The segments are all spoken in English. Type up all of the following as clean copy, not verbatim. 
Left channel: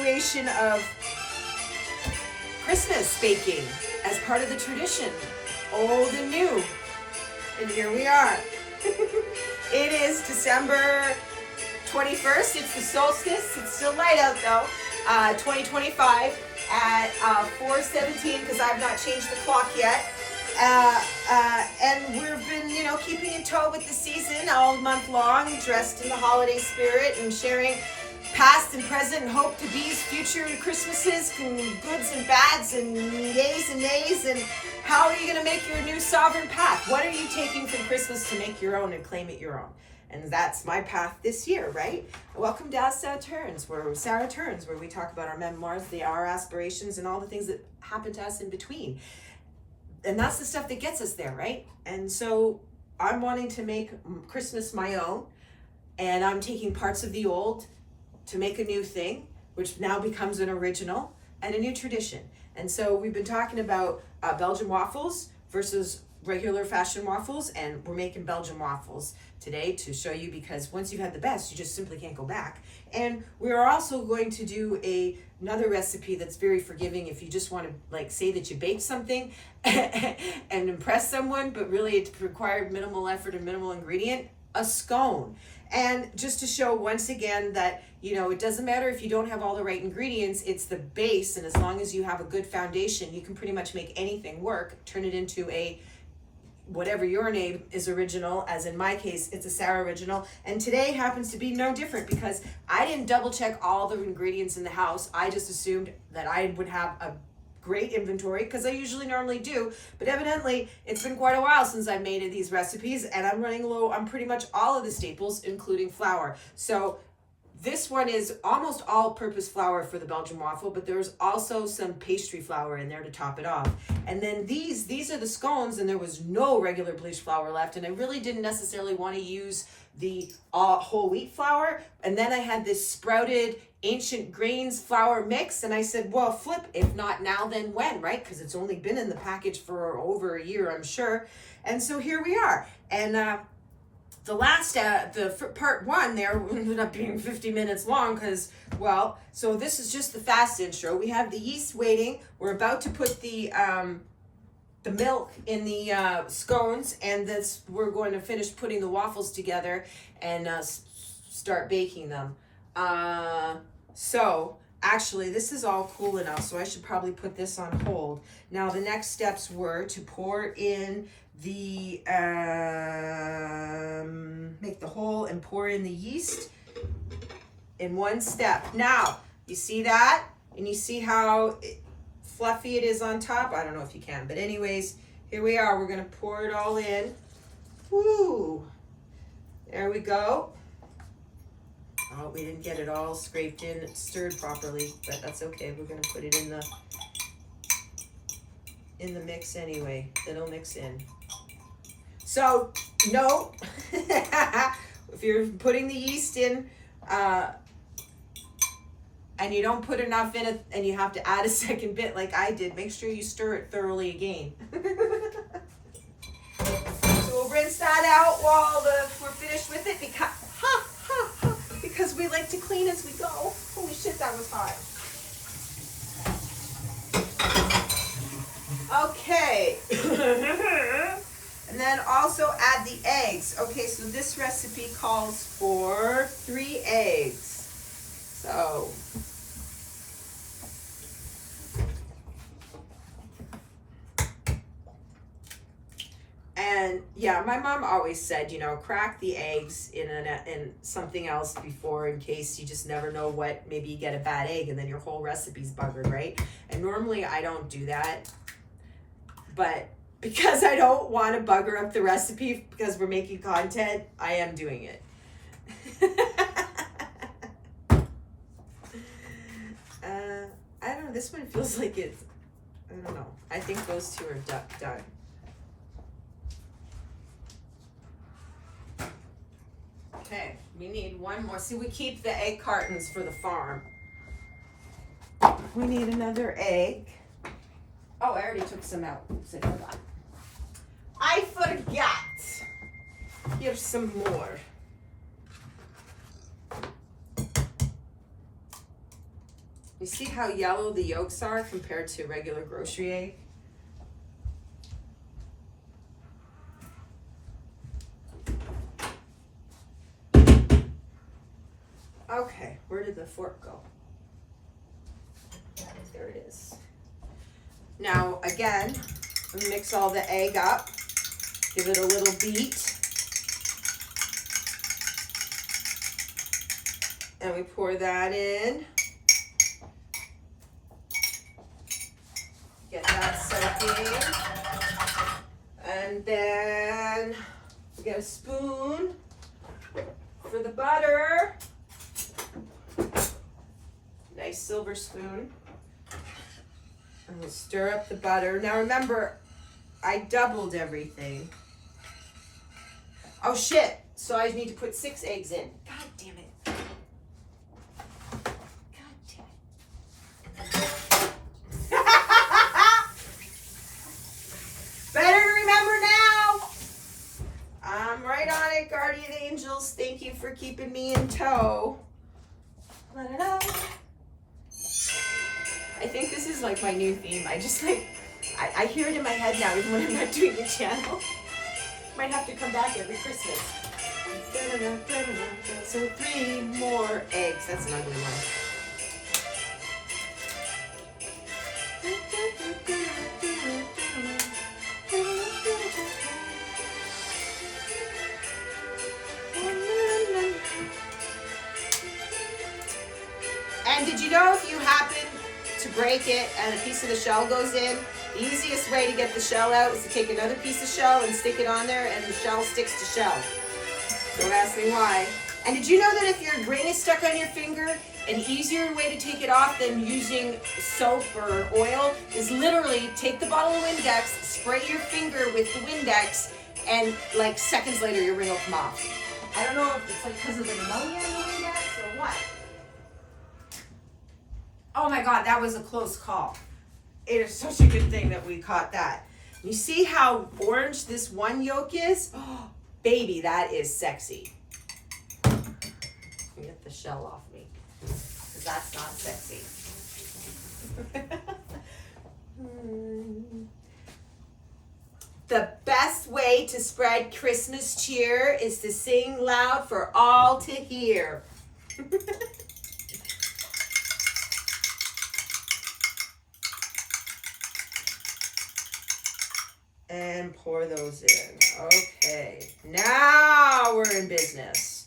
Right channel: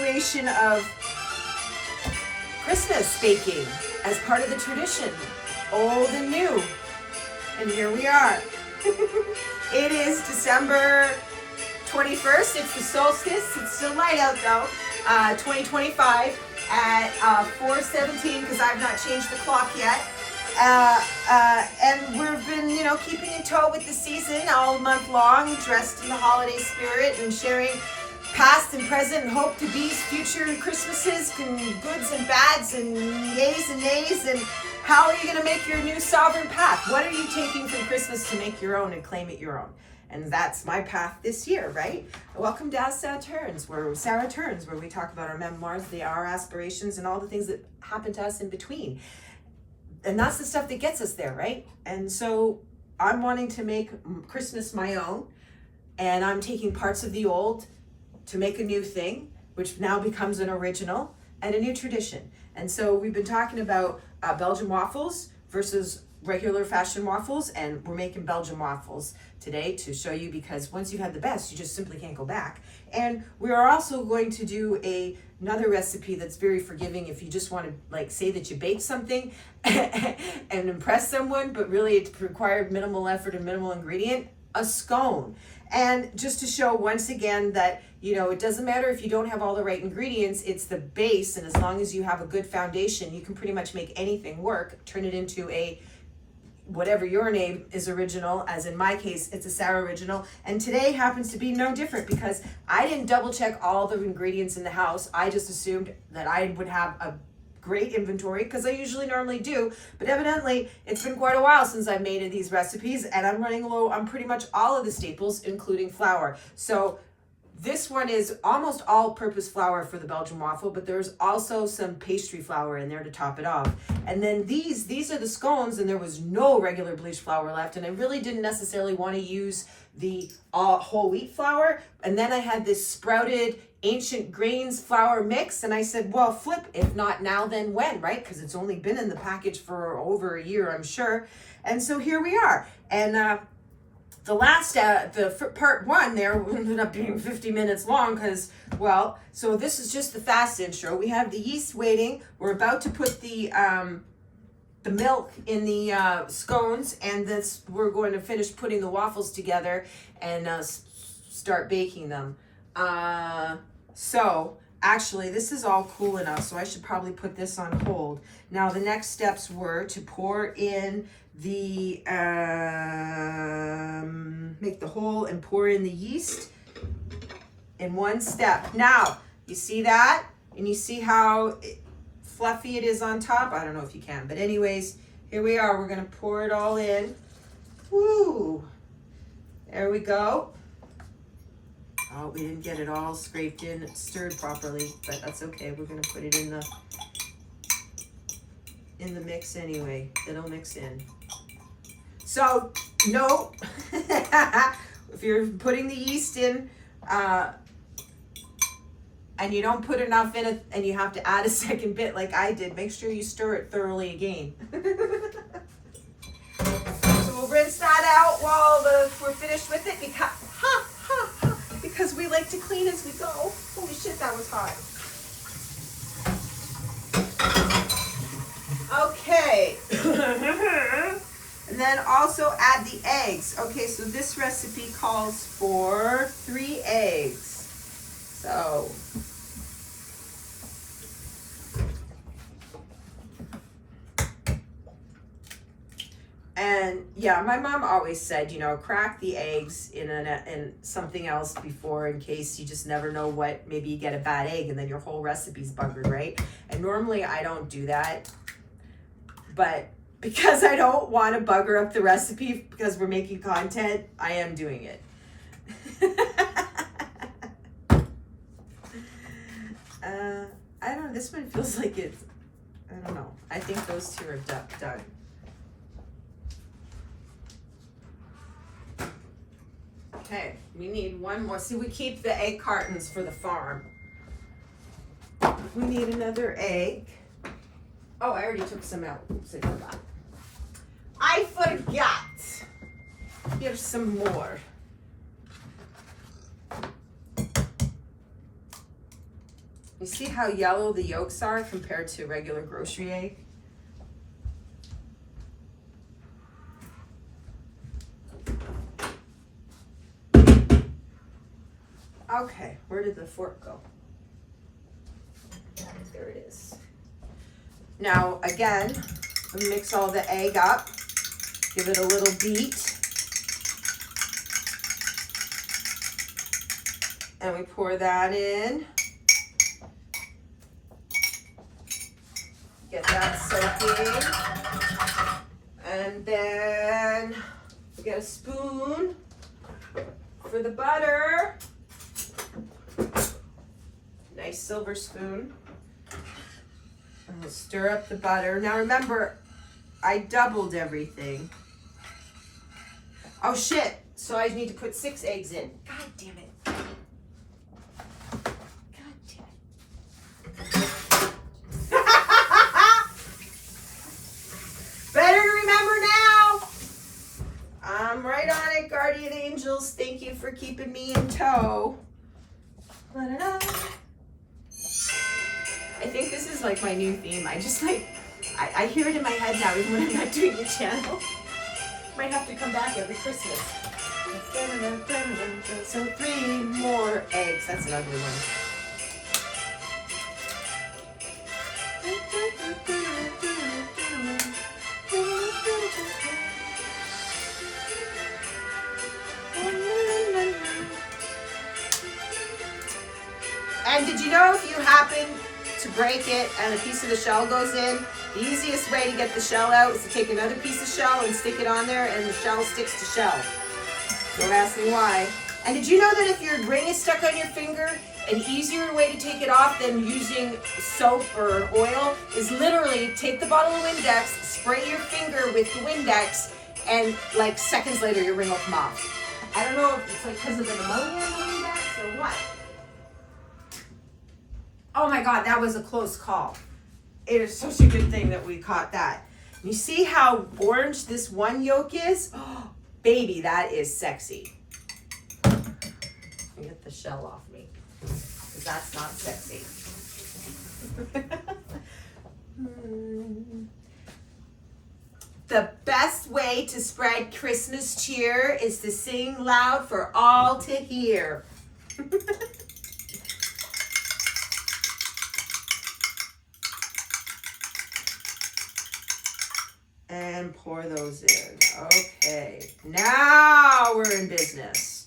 continuation of Christmas baking as part of the tradition, old and new. And here we are. It is December 21st. It's the solstice. It's still light out though. 2025 at 4:17 because I've not changed the clock yet. And we've been, keeping in tow with the season all month long, dressed in the holiday spirit and sharing past and present and hope to be's future Christmases and goods and bads and yays and nays. And how are you going to make your new sovereign path? What are you taking from Christmas to make your own and claim it your own? And that's my path this year, right? Welcome to Sarah Turns, where we talk about our memoirs, our aspirations, and all the things that happen to us in between. And that's the stuff that gets us there, right? And so I'm wanting to make Christmas my own, and I'm taking parts of the old to make a new thing, which now becomes an original and a new tradition. And so we've been talking about Belgian waffles versus regular fashion waffles, and we're making Belgian waffles today to show you, because once you've had the best, you just simply can't go back. And we're also going to do another recipe that's very forgiving if you just want to say that you baked something and impress someone, but really it required minimal effort and minimal ingredient, a scone. And just to show once again that, it doesn't matter if you don't have all the right ingredients, it's the base, and as long as you have a good foundation, you can pretty much make anything work, turn it into a whatever your name is original, as in my case, it's a Sarah original. And today happens to be no different because I didn't double check all the ingredients in the house. I just assumed that I would have a great inventory because I usually normally do, but evidently it's been quite a while since I've made these recipes and I'm running low on pretty much all of the staples, including flour. So this one is almost all-purpose flour for the Belgian waffle, but there's also some pastry flour in there to top it off. And then these are the scones, and there was no regular bleached flour left, and I really didn't necessarily want to use the whole wheat flour. And then I had this sprouted ancient grains flour mix, and I said, well, flip, if not now, then when, right? Because it's only been in the package for over a year, I'm sure. And so here we are. And the last, part one there ended up being 50 minutes long because, so this is just the fast intro. We have the yeast waiting. We're about to put the milk in the scones, and we're going to finish putting the waffles together and start baking them. So actually, this is all cool enough, so I should probably put this on hold. Now, the next steps were to pour in the make the hole and pour in the yeast in one step. Now you see that, and you see how fluffy it is on top. I don't know if you can, but anyways, here we are. We're gonna pour it all in. Woo! There we go. Oh, we didn't get it all scraped in, stirred properly, but that's okay. We're gonna put it in the mix anyway. It'll mix in. So, no, if you're putting the yeast in and you don't put enough in it and you have to add a second bit like I did, make sure you stir it thoroughly again. So we'll rinse that out while we're finished with it because we like to clean as we go. Holy shit, that was hot. Okay. And then also add the eggs. Okay, so this recipe calls for 3 eggs. So, and yeah, my mom always said, crack the eggs in something else before, in case you just never know what, maybe you get a bad egg and then your whole recipe's buggered, right? And normally I don't do that, but because I don't want to bugger up the recipe because we're making content, I am doing it. I don't know, this one feels like it's, I don't know. I think those two are done. Okay, we need one more. See, we keep the egg cartons for the farm. We need another egg. Oh, I already took some out. Oops, I forgot. I forgot. Here's some more. You see how yellow the yolks are compared to regular grocery egg? Okay, where did the fork go? There it is. Now, again, we mix all the egg up, give it a little beat, and we pour that in. Get that soaking. And then we get a spoon for the butter. Nice silver spoon. And we'll stir up the butter. Now remember, I doubled everything. Oh shit, so I need to put 6 eggs in. God damn it. God damn it. Better to remember now. I'm right on it, guardian angels. Thank you for keeping me in tow. La-da-da. I think this is like my new theme. I just like, I hear it in my head now, even when I'm not doing the channel. Might have to come back every Christmas. So 3 more eggs. That's an ugly one. And did you know if you happen to break it and a piece of the shell goes in, the easiest way to get the shell out is to take another piece of shell and stick it on there, and the shell sticks to shell. Don't ask me why. And did you know that if your ring is stuck on your finger, an easier way to take it off than using soap or oil is literally take the bottle of Windex, spray your finger with the Windex, and like seconds later your ring will come off. I don't know if it's like because of the pneumonia in the Windex or what. Oh my God, that was a close call. It is such a good thing that we caught that. You see how orange this one yolk is? Oh, baby, that is sexy. Get the shell off me, because that's not sexy. The best way to spread Christmas cheer is to sing loud for all to hear. And pour those in. Okay, now we're in business.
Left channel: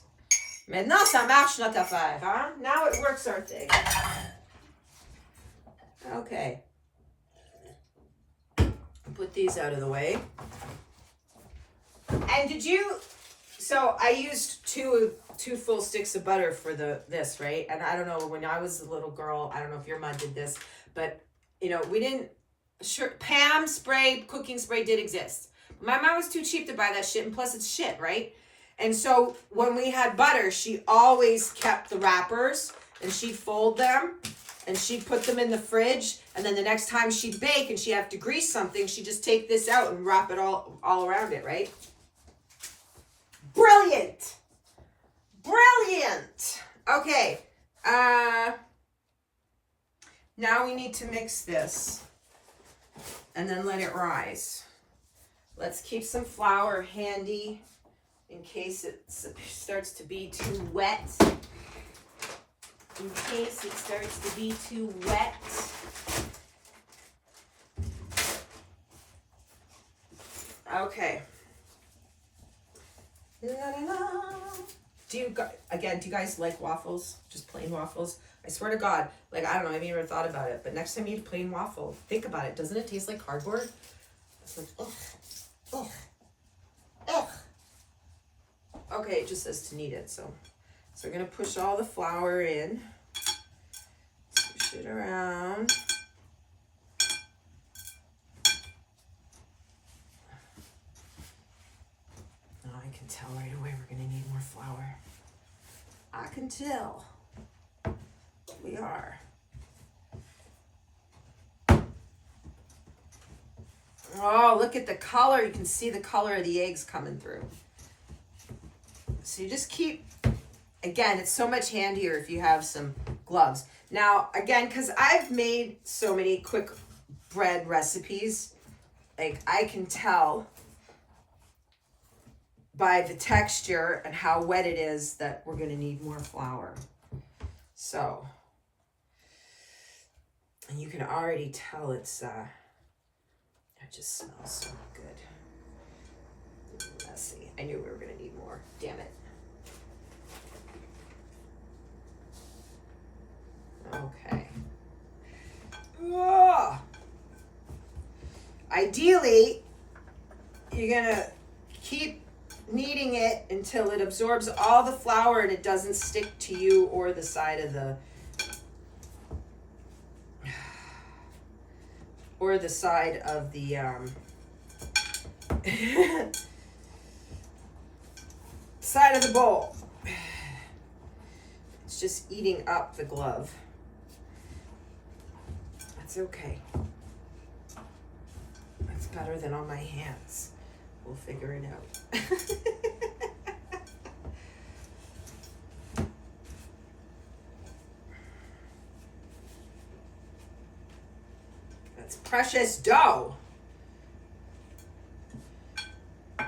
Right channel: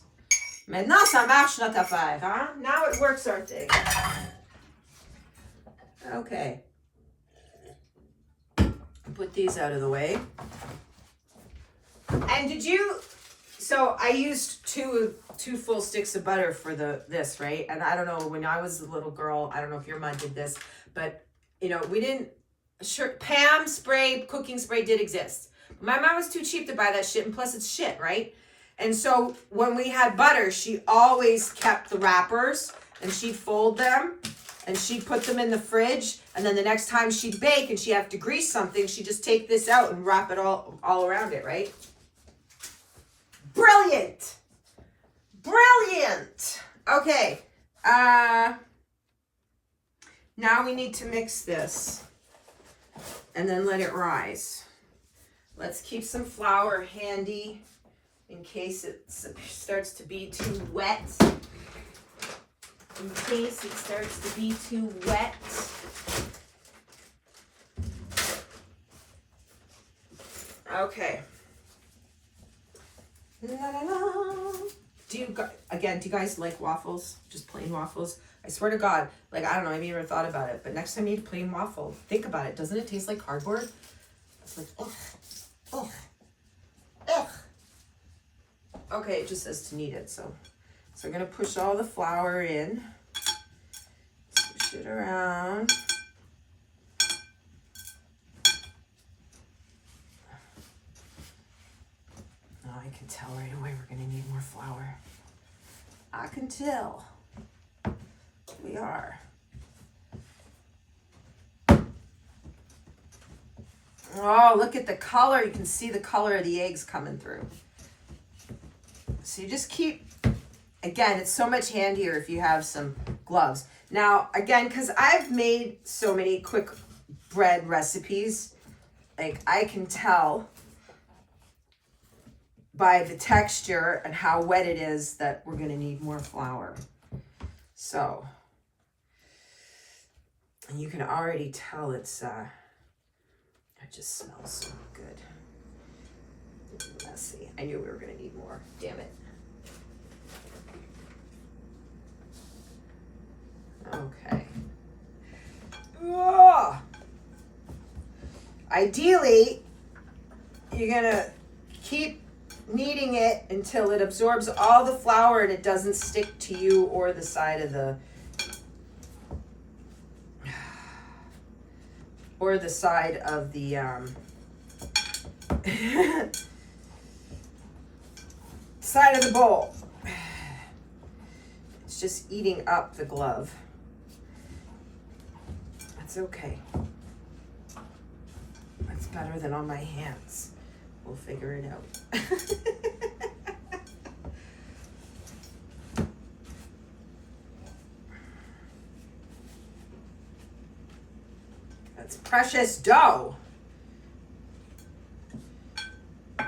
Maintenant, ça marche notre affaire, huh? Now it works our thing. Okay. Put these out of the way. And did you, so I used two full sticks of butter for this, right? And I don't know, when I was a little girl, I don't know if your mom did this, but you know, we didn't, sure, Pam spray, cooking spray did exist. My mom was too cheap to buy that shit, and plus it's shit, right? And so when we had butter, she always kept the wrappers, and she'd fold them, and she'd put them in the fridge, and then the next time she'd bake and she'd have to grease something, she'd just take this out and wrap it all around it, right? Brilliant! Brilliant! Okay, now we need to mix this and then let it rise. Let's keep some flour handy in case it starts to be too wet. In case it starts to be too wet. Okay. La, la, la. Do you guys like waffles? Just plain waffles? I swear to God, like, I don't know, I haven't even thought about it, but next time you eat a plain waffle, think about it. Doesn't it taste like cardboard? It's like, ugh, ugh, ugh. Okay, it just says to knead it, so we're gonna push all the flour in, push it around. Oh, I can tell right away we're gonna need more flour. I can tell. We are. Oh, look at the color. You can see the color of the eggs coming through. So you just keep, again, it's so much handier if you have some gloves. Now, again, because I've made so many quick bread recipes, like I can tell by the texture and how wet it is that we're gonna need more flour. So, and you can already tell it just smells so good. It's messy. I knew we were gonna need more, damn it. Okay. Ugh. Ideally, you're gonna keep kneading it until it absorbs all the flour and it doesn't stick to you or the side of the side of the bowl. It's just eating up the glove. That's okay. That's better than on my hands. We'll figure it out. That's precious dough. There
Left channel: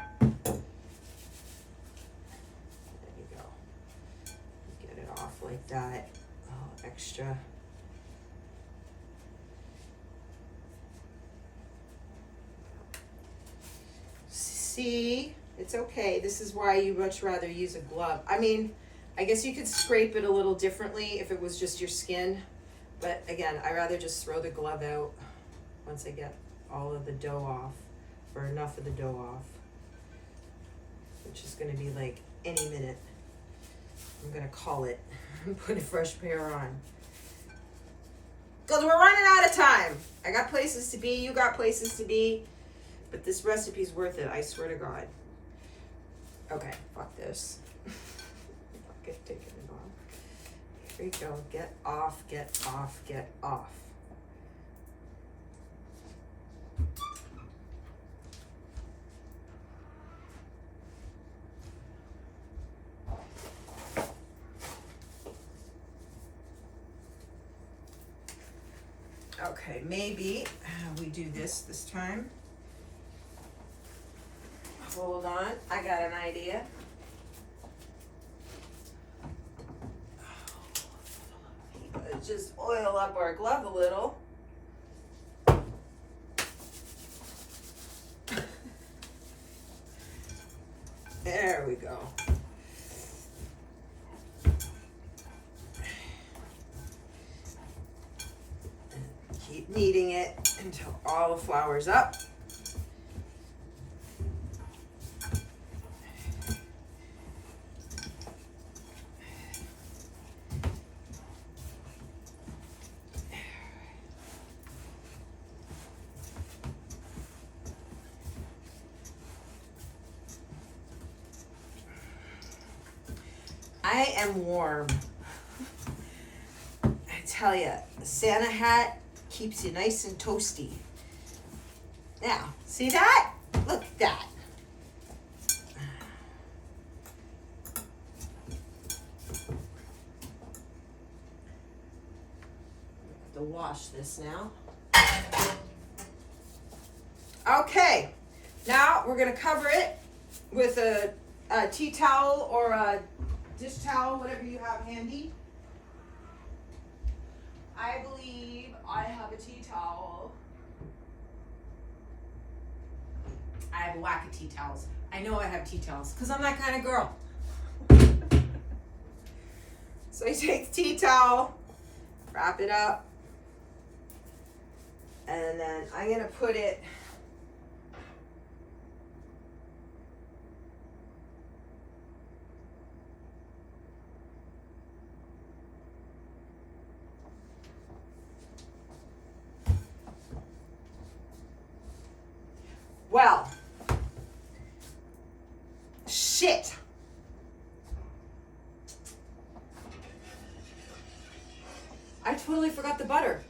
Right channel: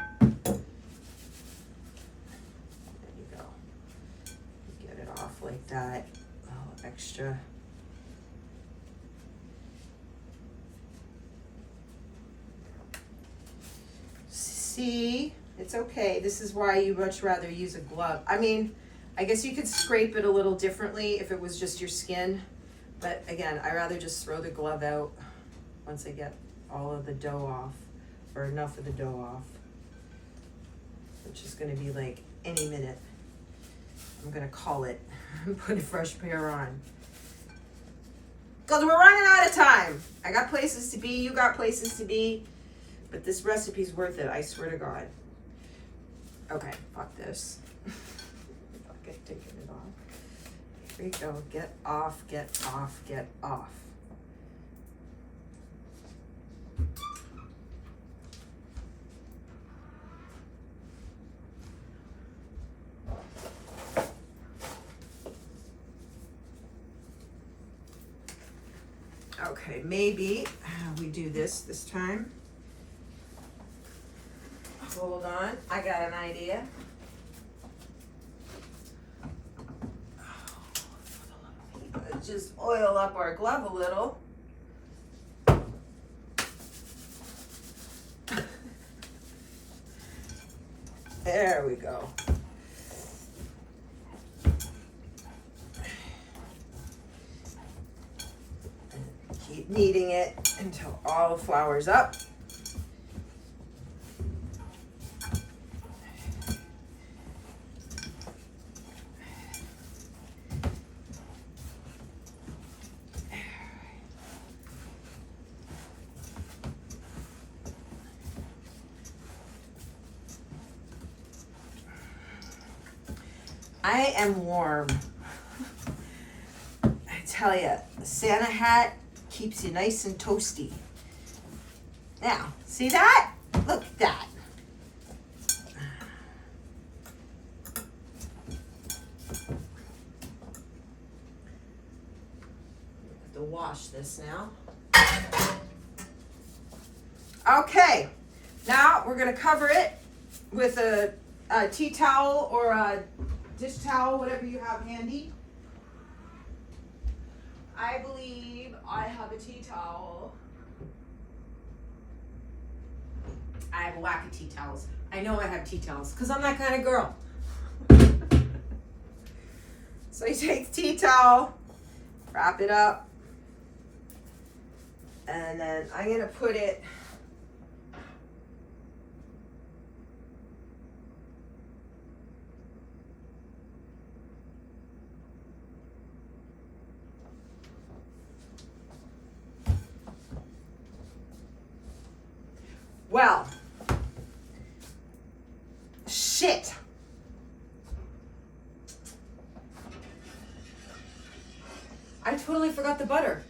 you go. Get it off like that. A little extra. See, it's okay. This is why you much rather use a glove. I mean, I guess you could scrape it a little differently if it was just your skin. But again, I rather just throw the glove out once I get all of the dough off, or enough of the dough off, which is going to be like any minute. I'm going to call it and put a fresh pair on. Because we're running out of time. I got places to be, you got places to be. But this recipe's worth it, I swear to God. Okay, fuck this. Fuck it, taking it off. Here we go. Get off, get off, get off. Okay, maybe we do this time. Hold on, I got an idea. Let's just oil up our glove a little. There we go. Keep kneading it until all the flour's up. I am warm. I tell you, the Santa hat keeps you nice and toasty. Now, see that? Look at that. Have to wash this now. Okay, now we're gonna cover it with a tea towel or a dish towel, whatever you have handy. I believe I have a tea towel. I have a whack of tea towels. I know I have tea towels because I'm that kind of girl. So you take the tea towel, wrap it up, and then I'm gonna put it well, shit. I totally forgot the butter.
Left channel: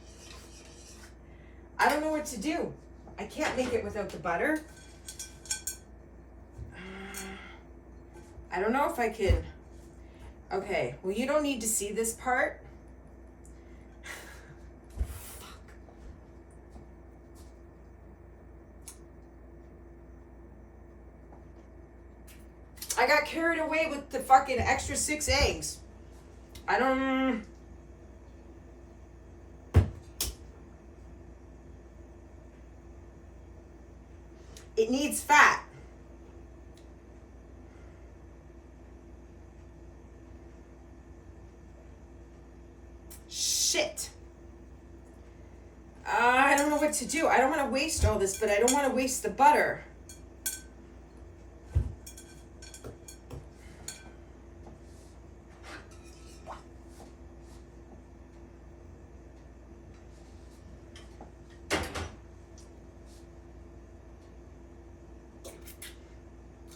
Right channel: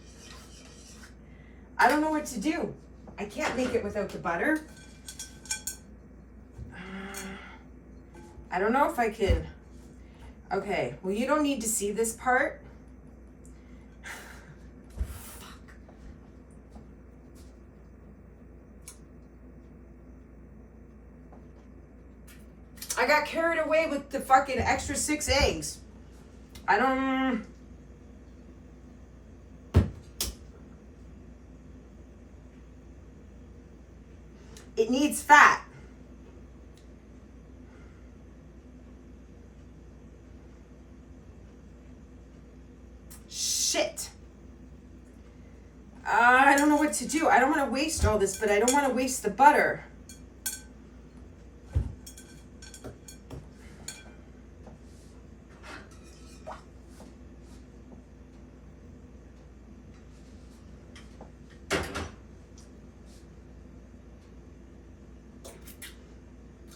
I don't know what to do. I can't make it without the butter. I don't know if I can. Okay, well, you don't need to see this part. I got carried away with the fucking extra 6 eggs. I don't... It needs fat. Shit. I don't know what to do. I don't want to waste all this, but I don't want to waste the butter.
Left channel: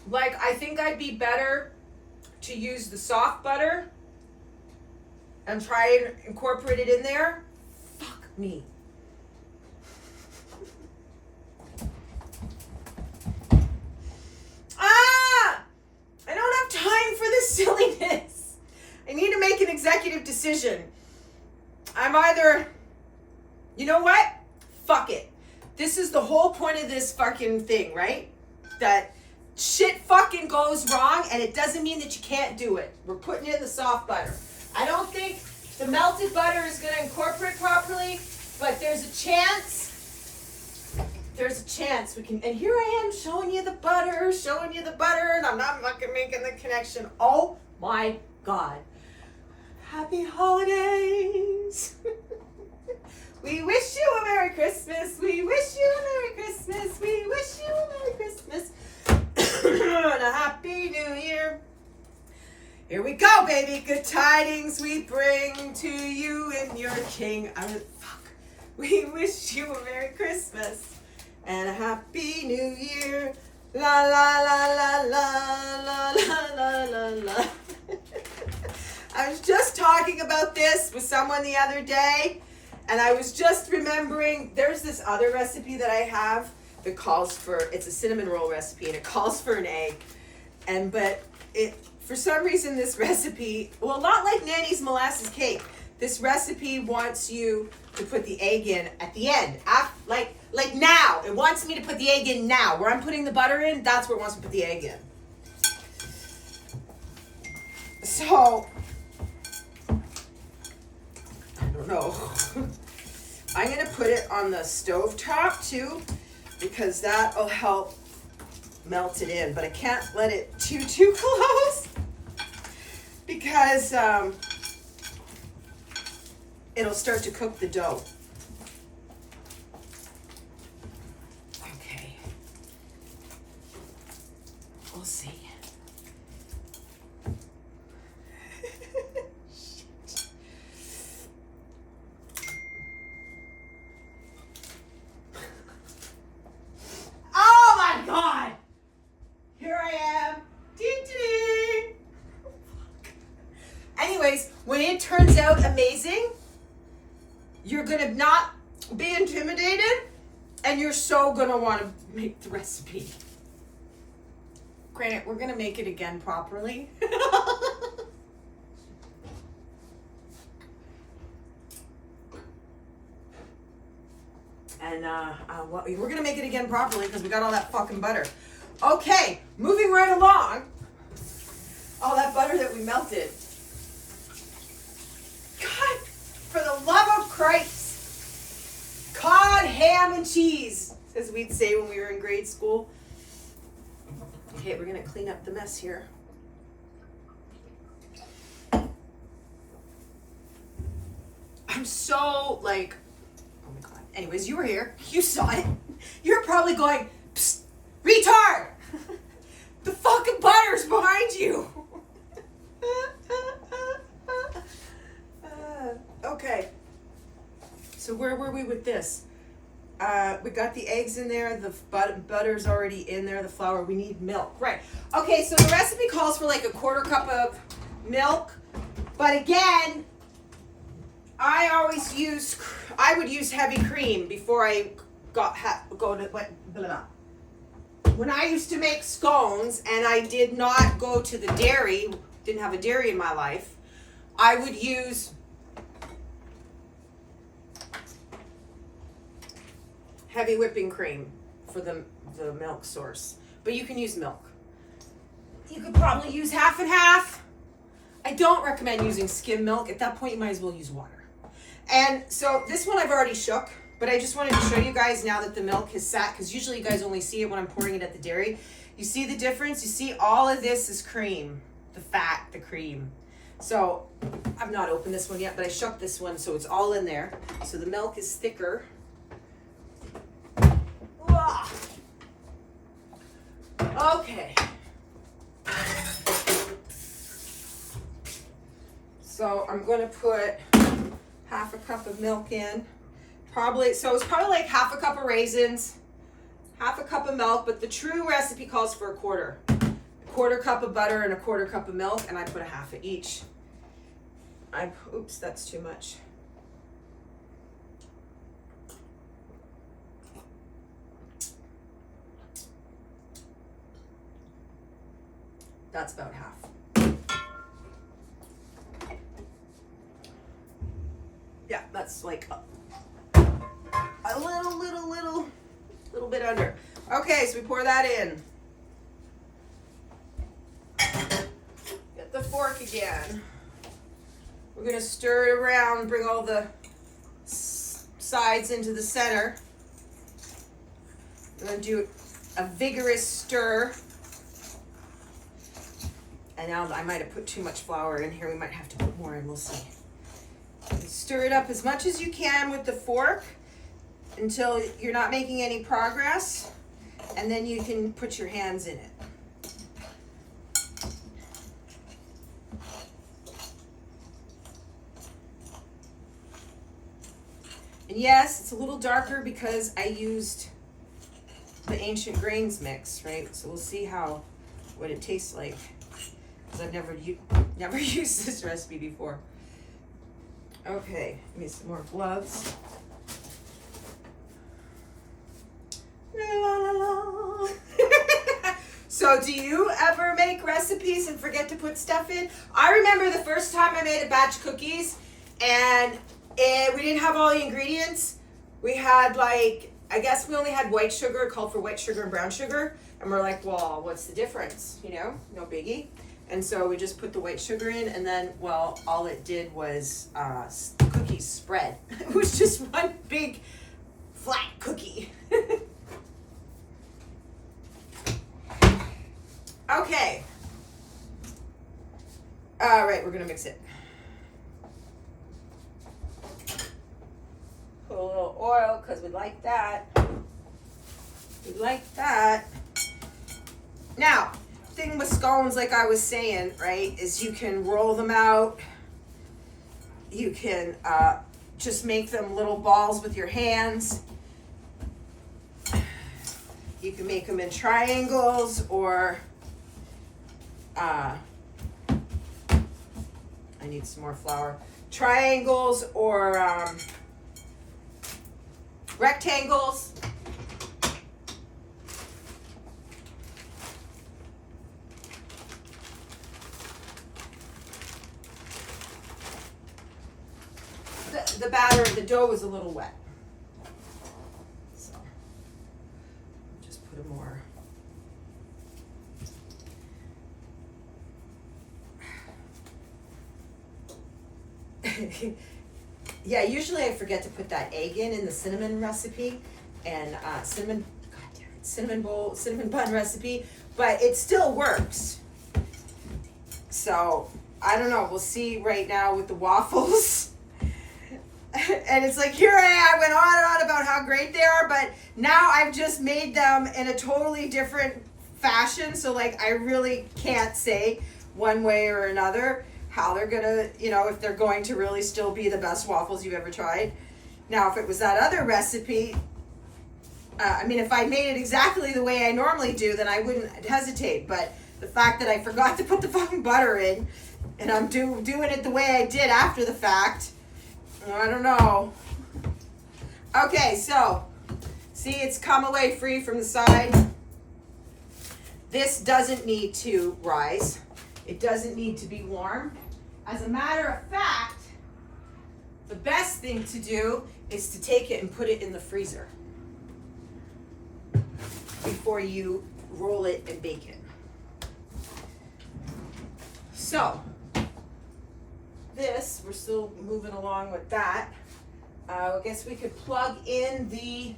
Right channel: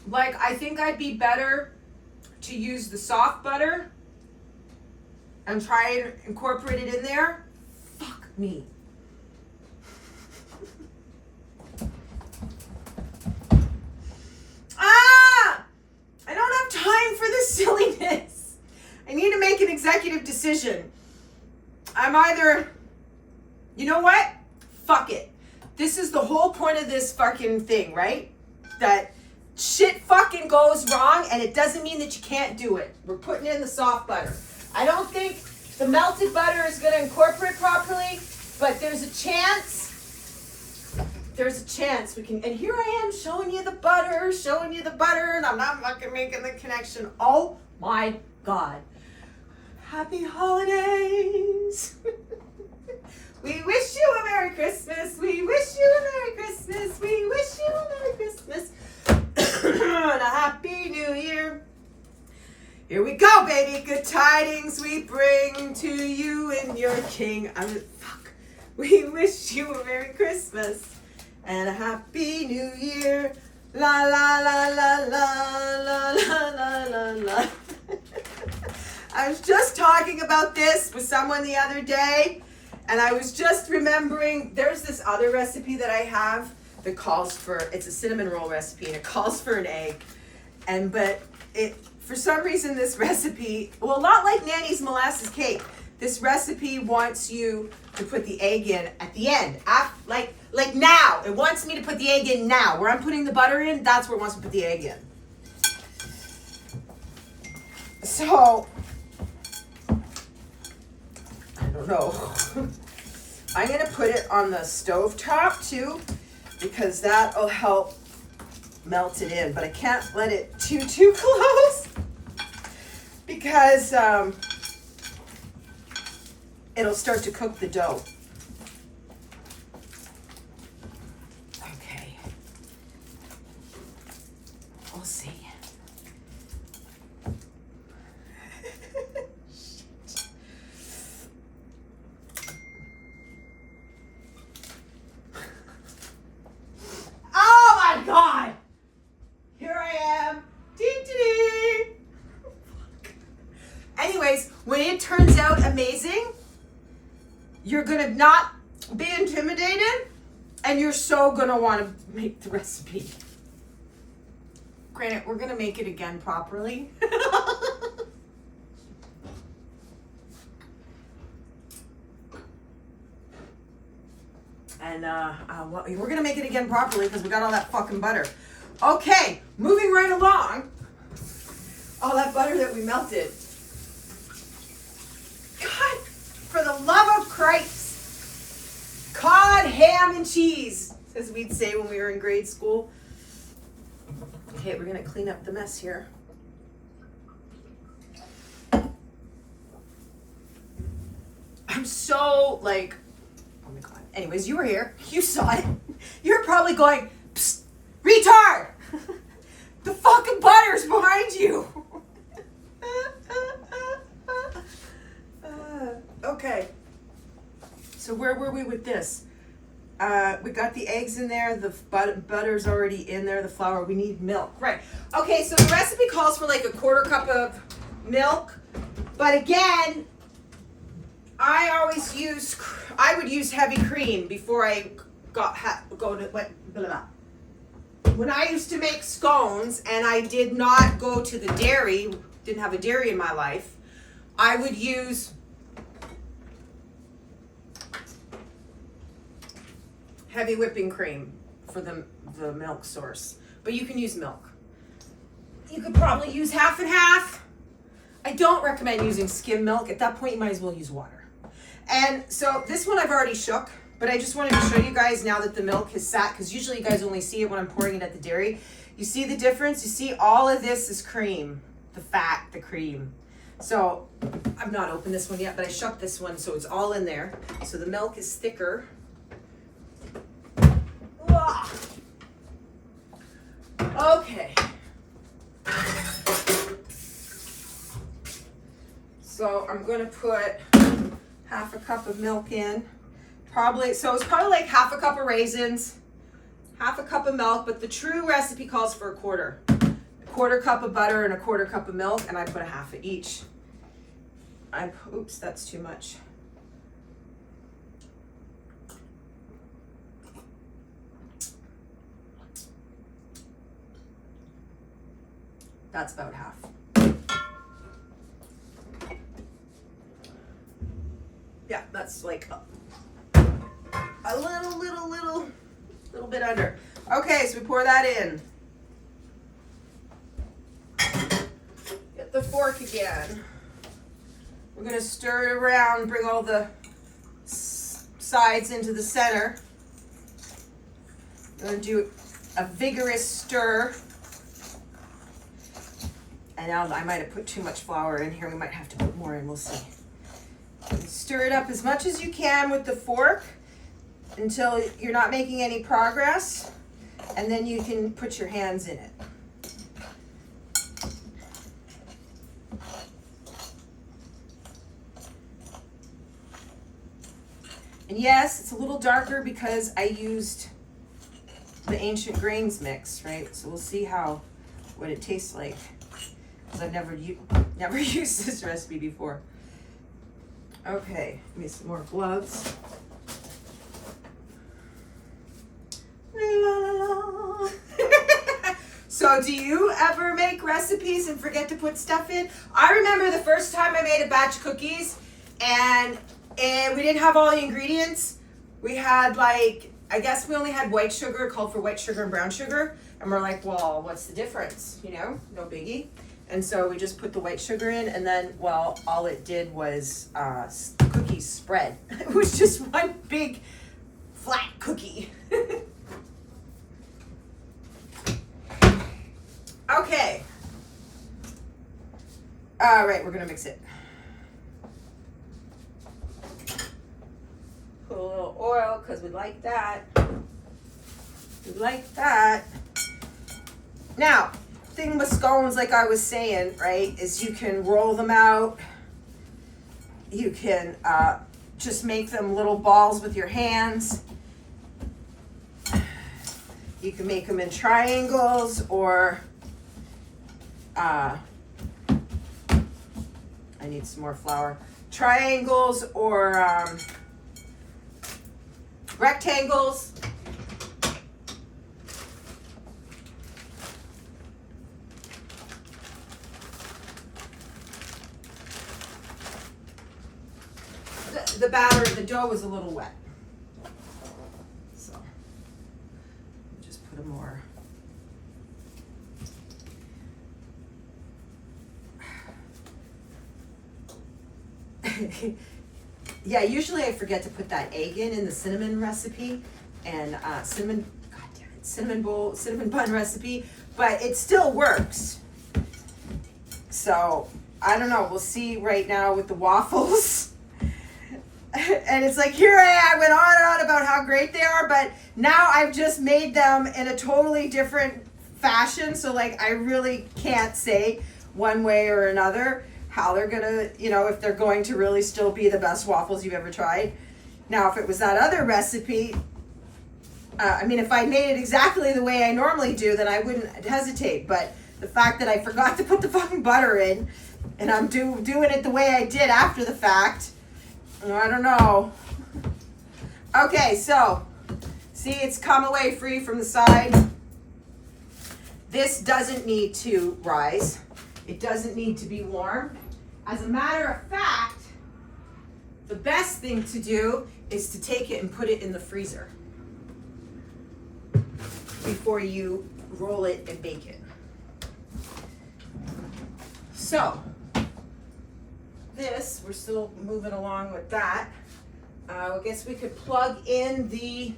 Like, I think I'd be better to use the soft butter and try and incorporate it in there. Fuck me. I don't have time for this silliness. I need to make an executive decision. I'm either, you know what? Fuck it. This is the whole point of this fucking thing, right? That shit fucking goes wrong, and it doesn't mean that you can't do it. We're putting in the soft butter. I don't think the melted butter is going to incorporate properly, but there's a chance. There's a chance we can. And here I am showing you the butter, and I'm not fucking making the connection. Oh my God. Happy holidays. We wish you a Merry Christmas. We wish you a Merry Christmas. We wish you a Merry Christmas. And a Happy New Year. Here we go, baby. Good tidings we bring to you and your King. We wish you a Merry Christmas and a Happy New Year. La la la la la la la la la. I was just talking about this with someone the other day, and I was just remembering there's this other recipe that I have that calls for, it's a cinnamon roll recipe, and it calls for an egg. But for some reason this recipe, well, not like Nanny's molasses cake. This recipe wants you to put the egg in at the end, like now. It wants me to put the egg in now. Where I'm putting the butter in, that's where it wants to put the egg in. So, I don't know. I'm gonna put it on the stove top too, because that'll help melt it in. But I can't let it too close, because it'll start to cook the dough. Okay. We'll see. Shit. Oh my God! Here I am. Ding, ding, ding. Anyways, when it turns out amazing, you're gonna not be intimidated, and you're so gonna want to make the recipe. Granted, we're gonna make it again properly. And well, we're gonna make it again properly because we got all that fucking butter. Okay, moving right along. All that butter that we melted. God, for the love of Christ. Cod, ham, and cheese, as we'd say when we were in grade school. Okay, we're gonna clean up the mess here. I'm so like, oh my God. Anyways, you were here. You saw it. You're probably going, psst, retard! The fucking butter's behind you. Okay. So where were we with this? We got the eggs in there. The butter's already in there. The flour. We need milk. Right. Okay, so the recipe calls for like a 1/4 cup of milk. But again, I would use heavy cream before I go to blah, blah. When I used to make scones and I did not go to the dairy, didn't have a dairy in my life, I would use heavy whipping cream for the milk source. But you can use milk. You could probably use half and half. I don't recommend using skim milk. At that point, you might as well use water. And so this one I've already shook, but I just wanted to show you guys now that the milk has sat, because usually you guys only see it when I'm pouring it at the dairy. You see the difference? You see all of this is cream, the fat, the cream. So I've not opened this one yet, but I shook this one, so it's all in there. So the milk is thicker. Okay. So I'm going to put half a cup of milk in. So it's probably like half a cup of raisins, half a cup of milk, but the true recipe calls for a quarter cup of butter and a quarter cup of milk, and I put a half of each. Oops, that's too much. That's about half. Yeah, that's like a little bit under. Okay, so we pour that in. Get the fork again. We're gonna stir it around, bring all the sides into the center. We're gonna do a vigorous stir. And now I might have put too much flour in here. We might have to put more in, we'll see. Stir it up as much as you can with the fork until you're not making any progress, and then you can put your hands in it. And yes, it's a little darker because I used the ancient grains mix, right? So we'll see what it tastes like, because I've never used this recipe before. Okay, give me some more gloves. La, la, la, la. So do you ever make recipes and forget to put stuff in? I remember the first time I made a batch of cookies, and we didn't have all the ingredients. We had I guess we only had white sugar. It called for white sugar and brown sugar. And we're like, well, what's the difference? No biggie. And so we just put the white sugar in, and then, well, all it did was the cookies spread. It was just one big flat cookie. Okay. All right, we're gonna mix it. Put a little oil, because we like that. We like that. Now, thing with scones, like I was saying, right, is you can roll them out. You can just make them little balls with your hands. You can make them in triangles, or I need some more flour. Triangles or rectangles. The batter, the dough was a little wet, so just put a more. Yeah, usually I forget to put that egg in the cinnamon recipe, and cinnamon bun recipe, but it still works. So I don't know, we'll see right now with the waffles. And it's like, here I went on and on about how great they are, but now I've just made them in a totally different fashion. So I really can't say one way or another how they're gonna, if they're going to really still be the best waffles you've ever tried. Now, if it was that other recipe, if I made it exactly the way I normally do, then I wouldn't hesitate. But the fact that I forgot to put the fucking butter in, and I'm doing it the way I did after the fact, I don't know. Okay, so see, it's come away free from the side. This doesn't need to rise. It doesn't need to be warm. As a matter of fact, the best thing to do is to take it and put it in the freezer before you roll it and bake it. So this, we're still moving along with that. I guess we could plug in the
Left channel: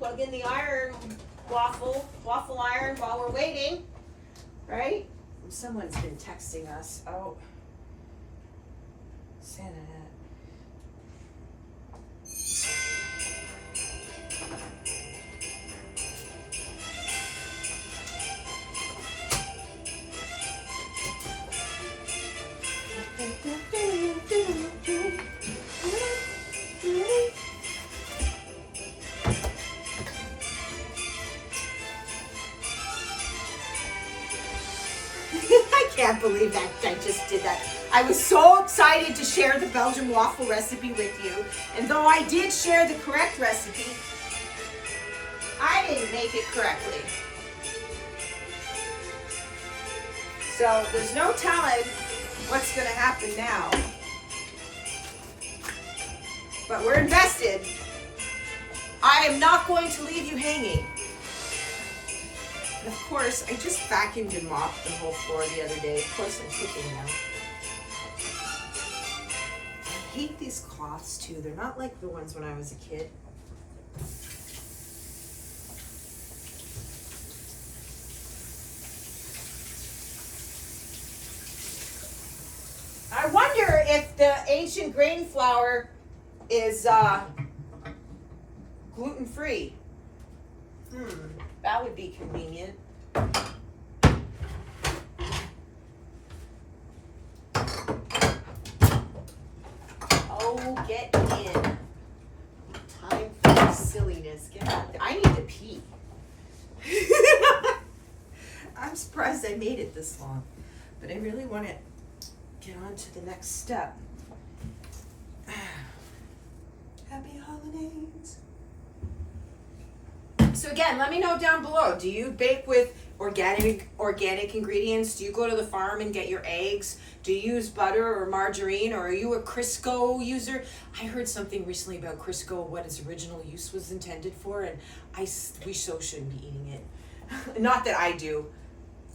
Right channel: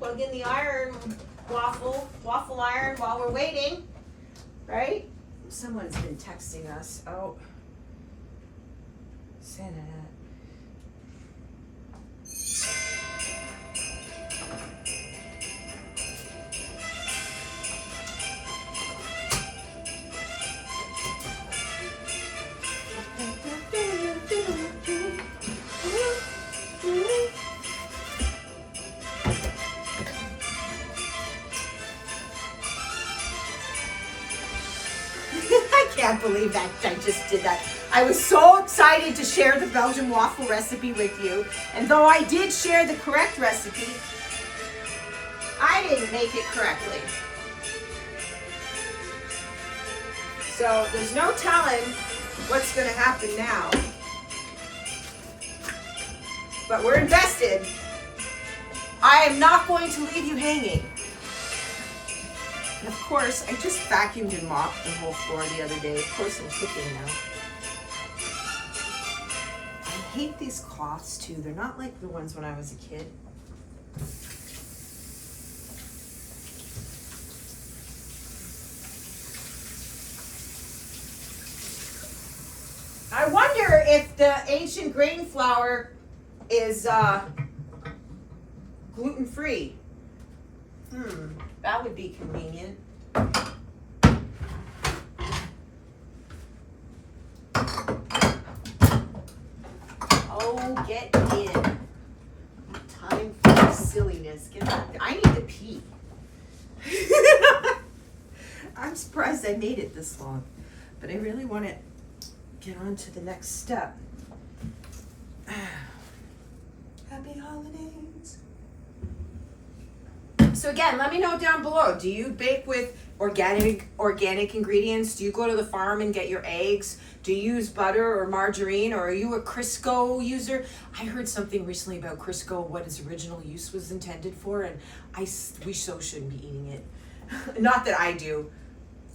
iron waffle iron while we're waiting, right? Someone's been texting us. Oh, Santa. I can't believe that I just did that. I was so excited to share the Belgian waffle recipe with you, and though I did share the correct recipe, I didn't make it correctly. So there's no telling what's going to happen now. But we're invested. I am not going to leave you hanging. And of course, I just vacuumed and mopped the whole floor the other day. Of course, I'm cooking now. I hate these cloths too. They're not like the ones when I was a kid. I wonder if the ancient grain flour is gluten-free. That would be convenient. Oh, get in. Time for silliness. Get out there. I need to pee. I'm surprised I made it this long, but I really want to get on to the next step. Happy holidays. So again, let me know down below. Do you bake with organic ingredients? Do you go to the farm and get your eggs? Do you use butter or margarine, or are you a Crisco user? I heard something recently about Crisco, what its original use was intended for, and we so shouldn't be eating it. Not that I do.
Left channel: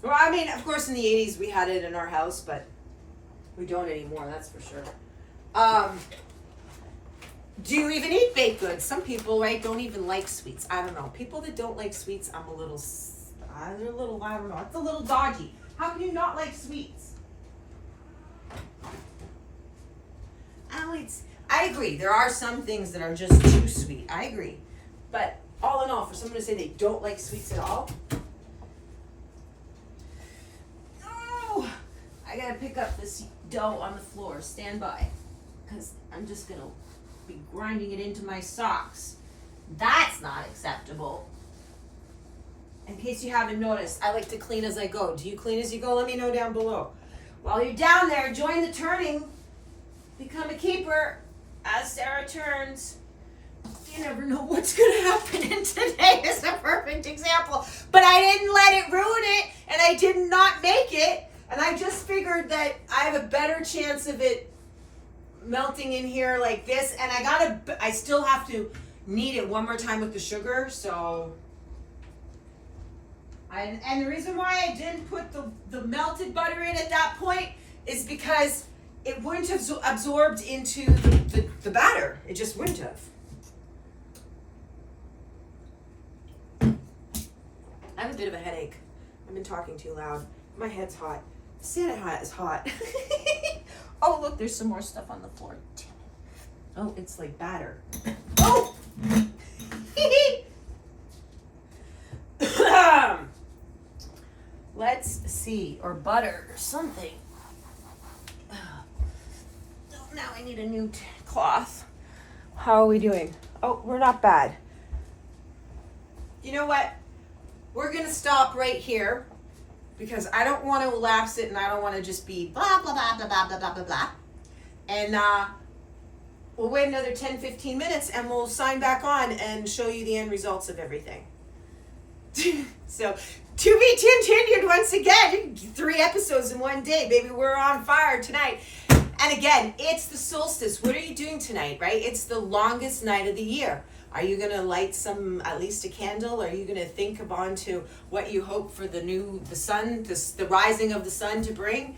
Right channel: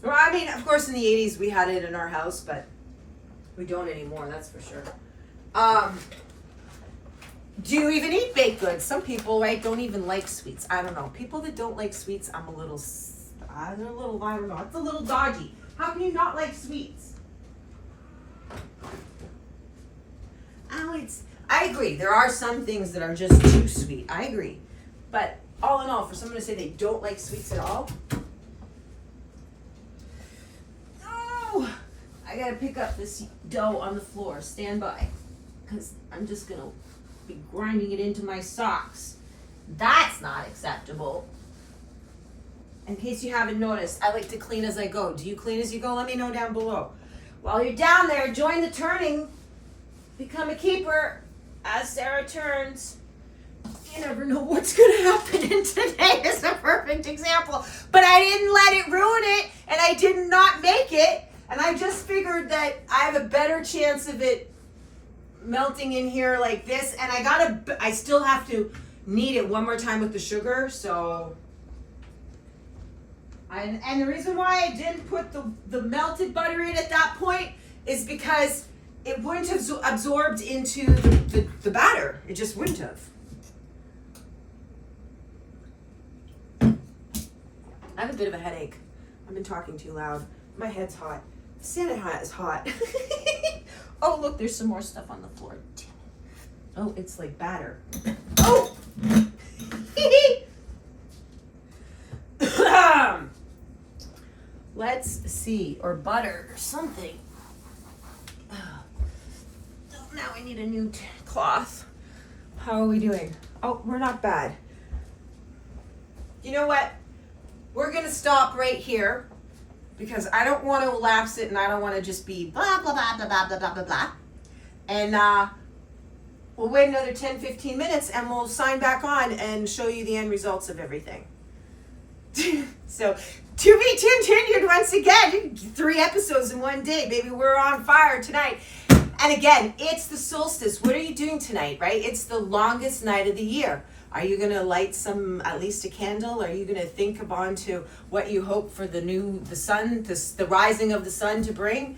Well, I mean, of course in the 80s we had it in our house, but we don't anymore, that's for sure. Do you even eat baked goods? Some people, right, don't even like sweets. I don't know. People that don't like sweets, I don't know. It's a little dodgy. How can you not like sweets? I agree. There are some things that are just too sweet. I agree. But all in all, for someone to say they don't like sweets at all, no! I gotta pick up this dough on the floor. Stand by. Because I'm just gonna be grinding it into my socks. That's not acceptable. In case you haven't noticed, I like to clean as I go. Do you clean as you go? Let me know down below. While you're down there, join the turning. Become a keeper as Sarah turns. You never know what's going to happen, and today is a perfect example. But I didn't let it ruin it, and I did not make it. And I just figured that I have a better chance of it melting in here like this. And I still have to knead it one more time with the sugar. So, and the reason why I didn't put the melted butter in at that point is because it wouldn't have absorbed into the batter. It just wouldn't have. I have a bit of a headache. I've been talking too loud. My head's hot. Santa hat is hot. Oh, look, there's some more stuff on the floor. Damn it. Oh, it's like batter. Oh! Let's see. Or butter or something. Now I need a new cloth. How are we doing? Oh, we're not bad. You know what? We're going to stop right here because I don't want to elapse it and I don't want to just be blah, blah, blah, blah, blah, blah, blah, blah, blah. And we'll wait another 10, 15 minutes and we'll sign back on and show you the end results of everything. So, to be continued once again. 3 episodes in one day, baby. We're on fire tonight. And again, it's the solstice. What are you doing tonight, right? It's the longest night of the year. Are you going to light at least a candle? Are you going to think on to what you hope for the sun, the rising of the sun to bring?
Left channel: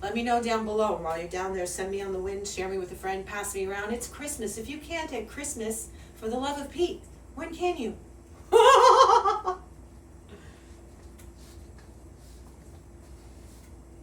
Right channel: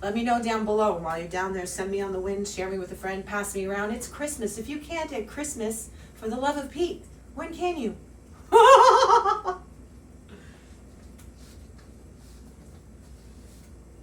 Let me know down below. While you're down there, send me on the wind, share me with a friend, pass me around. It's Christmas. If you can't at Christmas, for the love of Pete, when can you?